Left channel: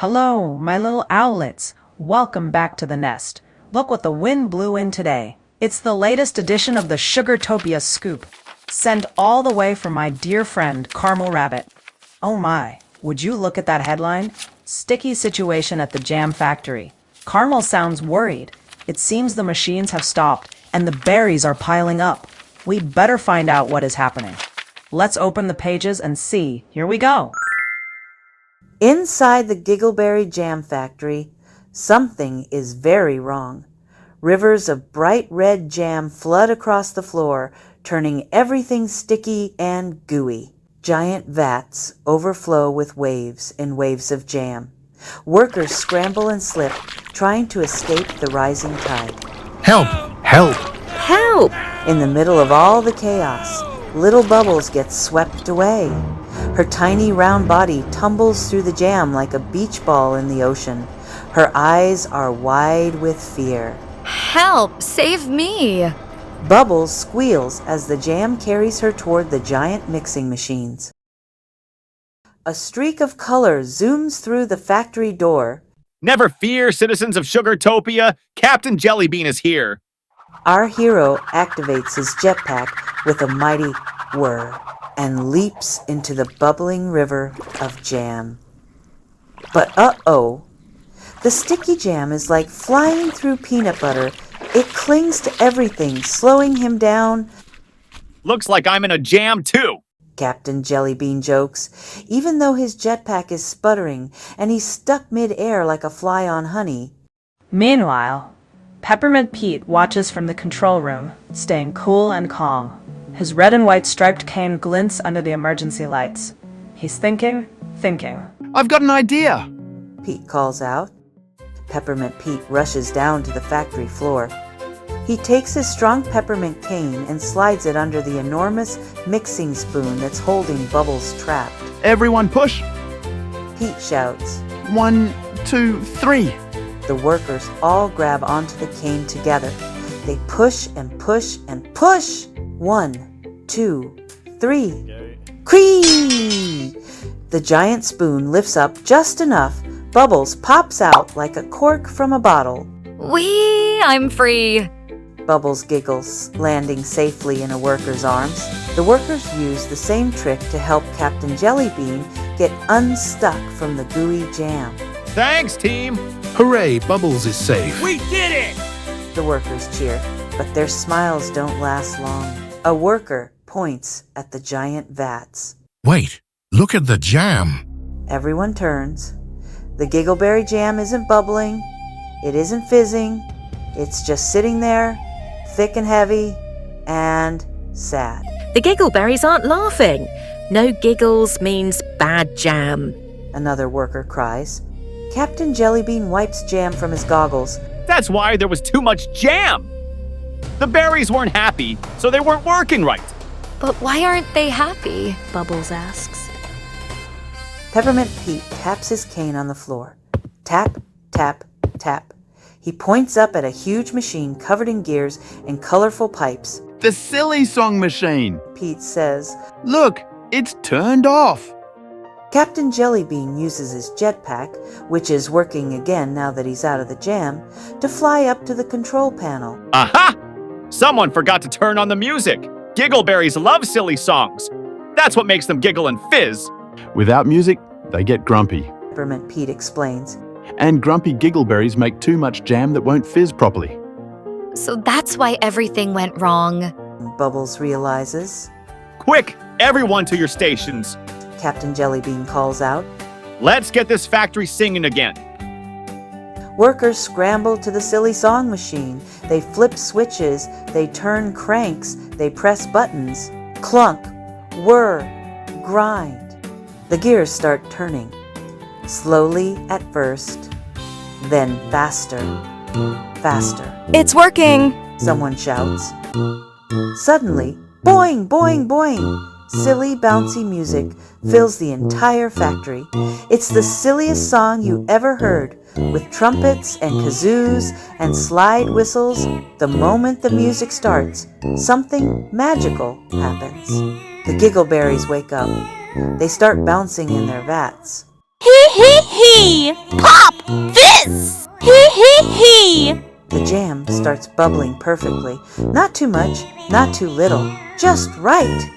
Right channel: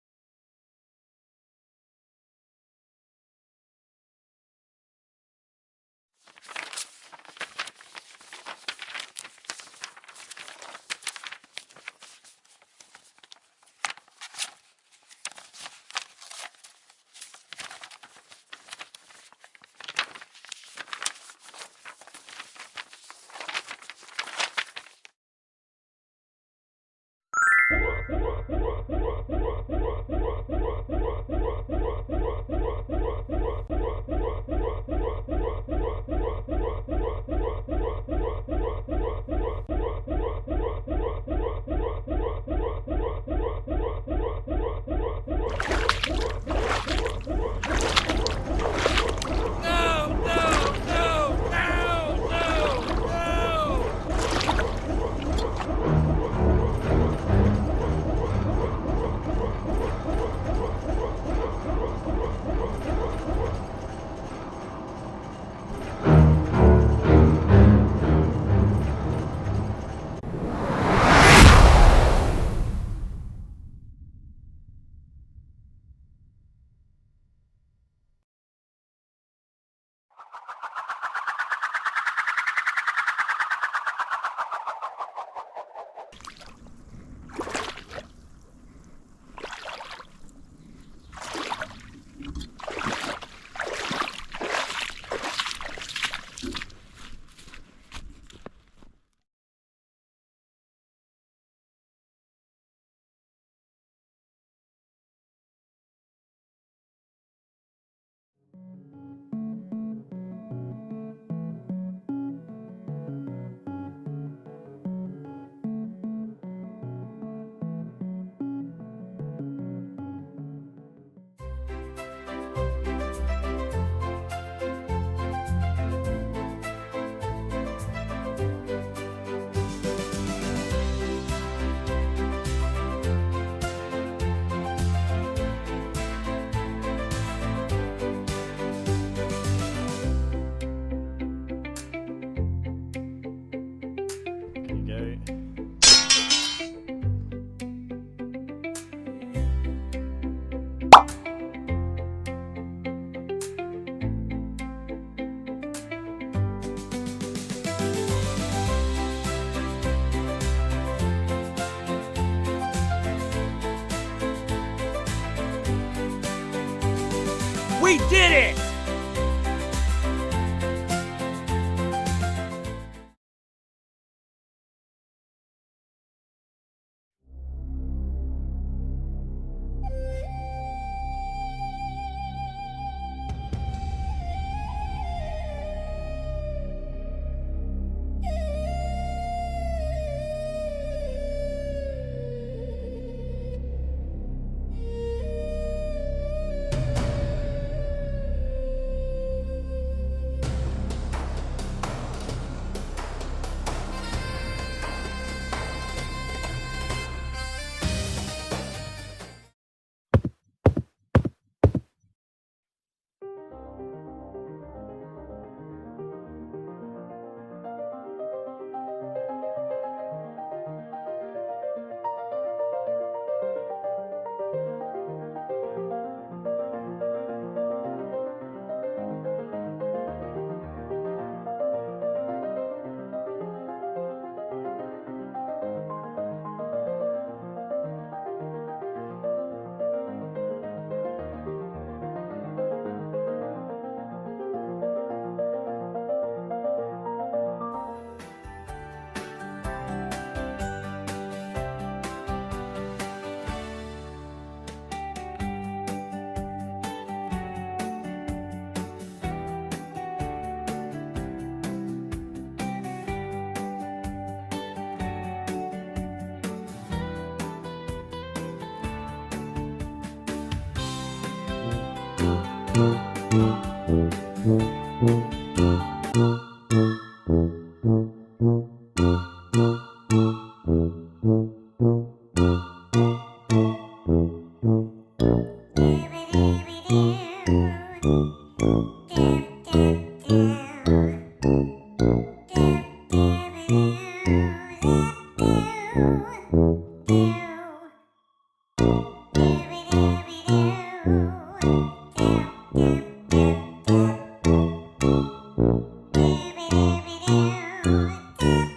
Hello, my little owlets. Welcome back to the nest. Look what the wind blew in today. It's the latest edition of the Sugartopia scoop, sent all the way from my dear friend, Caramel Rabbit. Oh my, would you look at that headline? Sticky situation at the jam factory. Caramel sounds worried. It seems the machines have stopped, and the berries are piling up. We'd better find out what is happening. Let's open the pages and see. Here we go. Inside the Giggleberry jam factory, something is very wrong. Rivers of bright red jam flood across the floor, turning everything sticky and gooey. Giant vats overflow with waves and waves of jam. Workers scramble and slip, trying to escape the rising tide. Help! Help! Help! In the middle of all the chaos, little Bubbles gets swept away. Her tiny round body tumbles through the jam like a beach ball in the ocean. Her eyes are wide with fear. Help! Save me! Bubbles squeals as the jam carries her toward the giant mixing machines. A streak of color zooms through the factory door. Never fear, citizens of Sugartopia. Captain Jellybean is here. Our hero activates his jetpack with a mighty whir and leaps into the bubbling river of jam. But uh-oh, the sticky jam is like flying through peanut butter. It clings to everything, slowing him down. Looks like I'm in a jam too. Captain Jellybean jokes, even though his jetpack is sputtering and he's stuck mid-air like a fly on honey. Meanwhile, Peppermint Pete watches from the control room, staying cool and calm. His red and white striped cane glints under the emergency lights. He's thinking. I've got an idea! Pete calls out. Peppermint Pete rushes down to the factory floor. He takes his strong peppermint cane and slides it under the enormous mixing spoon that's holding Bubbles trapped. Everyone push! Pete shouts. 1, 2, 3. The workers all grab onto the cane together. They push and push and push. 1, 2, 3. Cree! The giant spoon lifts up just enough. Bubbles pops out like a cork from a bottle. Whee! I'm free! Bubbles giggles, landing safely in a worker's arms. The workers use the same trick to help Captain Jellybean get unstuck from the gooey jam. Thanks, team. Hooray, Bubbles is safe. We did it! The workers cheer, but their smiles don't last long. A worker points at the giant vats. Wait, look at the jam. Everyone turns. The Giggleberry jam isn't bubbling. It isn't fizzing. It's just sitting there, thick and heavy, and sad. The Giggleberries aren't laughing. No giggles means bad jam. Another worker cries. Captain Jellybean wipes jam from his goggles. That's why there was too much jam. The berries weren't happy, so they weren't working right. But why aren't they happy? Bubbles asks. Peppermint Pete taps his cane on the floor. Tap, tap, tap. He points up at a huge machine covered in gears and colorful pipes. The silly song machine. Pete says, Look, it's turned off. Captain Jellybean uses his jetpack, which is working again now that he's out of the jam, to fly up to the control panel. Aha! Someone forgot to turn on the music. Giggleberries love silly songs. That's what makes them giggle and fizz. Without music, they get grumpy. Peppermint Pete explains. And grumpy giggleberries make too much jam that won't fizz properly. So that's why everything went wrong. Bubbles realizes. Quick, everyone to your stations. Captain Jellybean calls out. Let's get this factory singing again. Workers scramble to the silly song machine. They flip switches, they turn cranks, they press buttons. Clunk, whir, grind. The gears start turning. Slowly at first, then faster, faster. It's working! Someone shouts. Suddenly, boing, boing, boing. Silly, bouncy music fills the entire factory. It's the silliest song you ever heard, with trumpets and kazoos and slide whistles. The moment the music starts, something magical happens. The Giggleberries wake up. They start bouncing in their vats. Hee hee hee! me! Pop! This! Hee hee hee! The jam starts bubbling perfectly. Not too much, not too little, just right.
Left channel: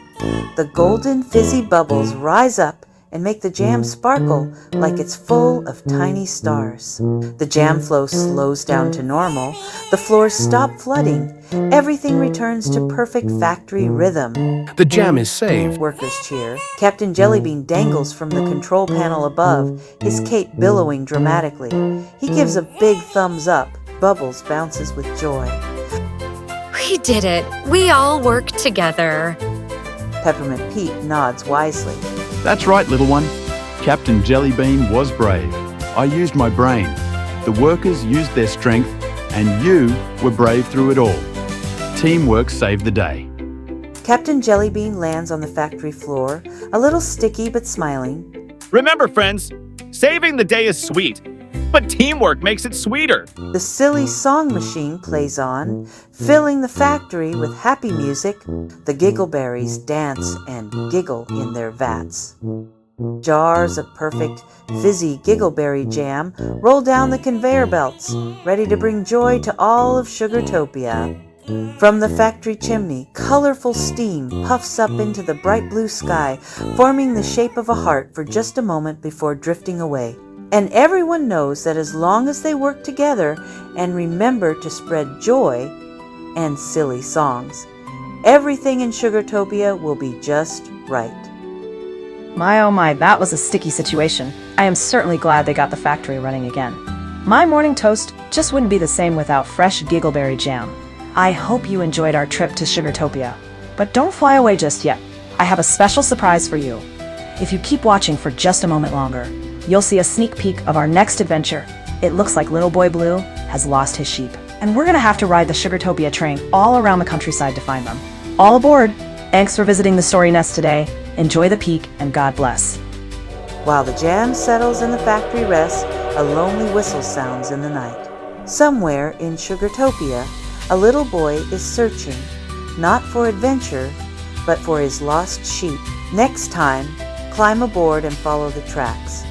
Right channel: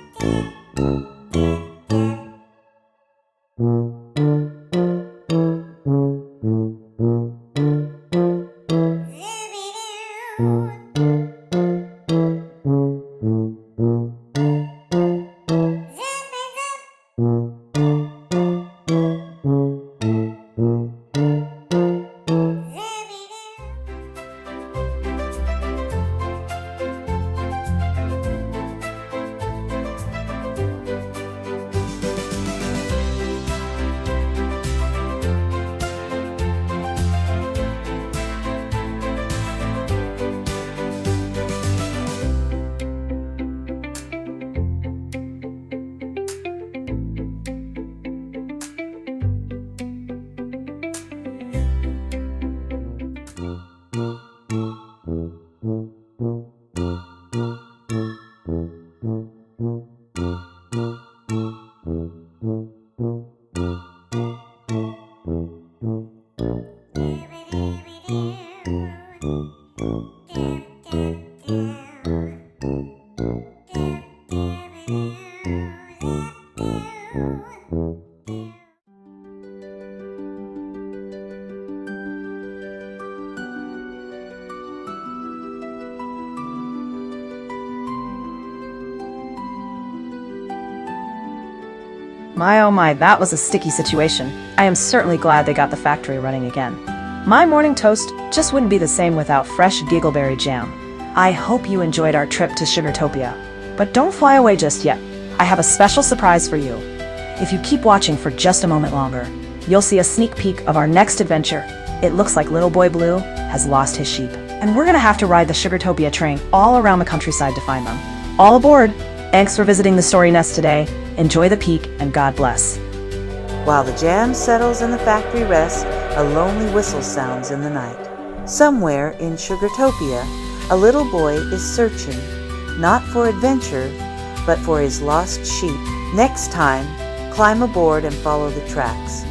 The golden fizzy bubbles rise up and make the jam sparkle like it's full of tiny stars. The jam flow slows down to normal. The floors stop flooding. Everything returns to perfect factory rhythm. The jam is saved. Workers cheer. Captain Jellybean dangles from the control panel above, his cape billowing dramatically. He gives a big thumbs up. Bubbles bounces with joy. We did it. We all worked together. Peppermint Pete nods wisely. That's right, little one. Captain Jellybean was brave. I used my brain. The workers used their strength, and you were brave through it all. Teamwork saved the day. Captain Jellybean lands on the factory floor, a little sticky but smiling. Remember, friends, saving the day is sweet, but teamwork makes it sweeter. The silly song machine plays on, filling the factory with happy music. The Giggleberries dance and giggle in their vats. Jars of perfect, fizzy Giggleberry jam roll down the conveyor belts, ready to bring joy to all of Sugartopia. From the factory chimney, colorful steam puffs up into the bright blue sky, forming the shape of a heart for just a moment before drifting away. And everyone knows that as long as they work together and remember to spread joy and silly songs, everything in Sugartopia will be just right. My oh my, that was a sticky situation. I am certainly glad they got the factory running again. My morning toast just wouldn't be the same without fresh Giggleberry jam. I hope you enjoyed our trip to Sugartopia. But don't fly away just yet. I have a special surprise for you. If you keep watching for just a moment longer, you'll see a sneak peek of our next adventure. It looks like Little Boy Blue has lost his sheep, and we're gonna have to ride the Sugartopia train all around the countryside to find them. All aboard! Thanks for visiting the Story Nest today. Enjoy the peek, and God bless. While the jam settles and the factory rests, a lonely whistle sounds in the night. Somewhere in Sugartopia, a little boy is searching, not for adventure, but for his lost sheep. Next time, climb aboard and follow the tracks.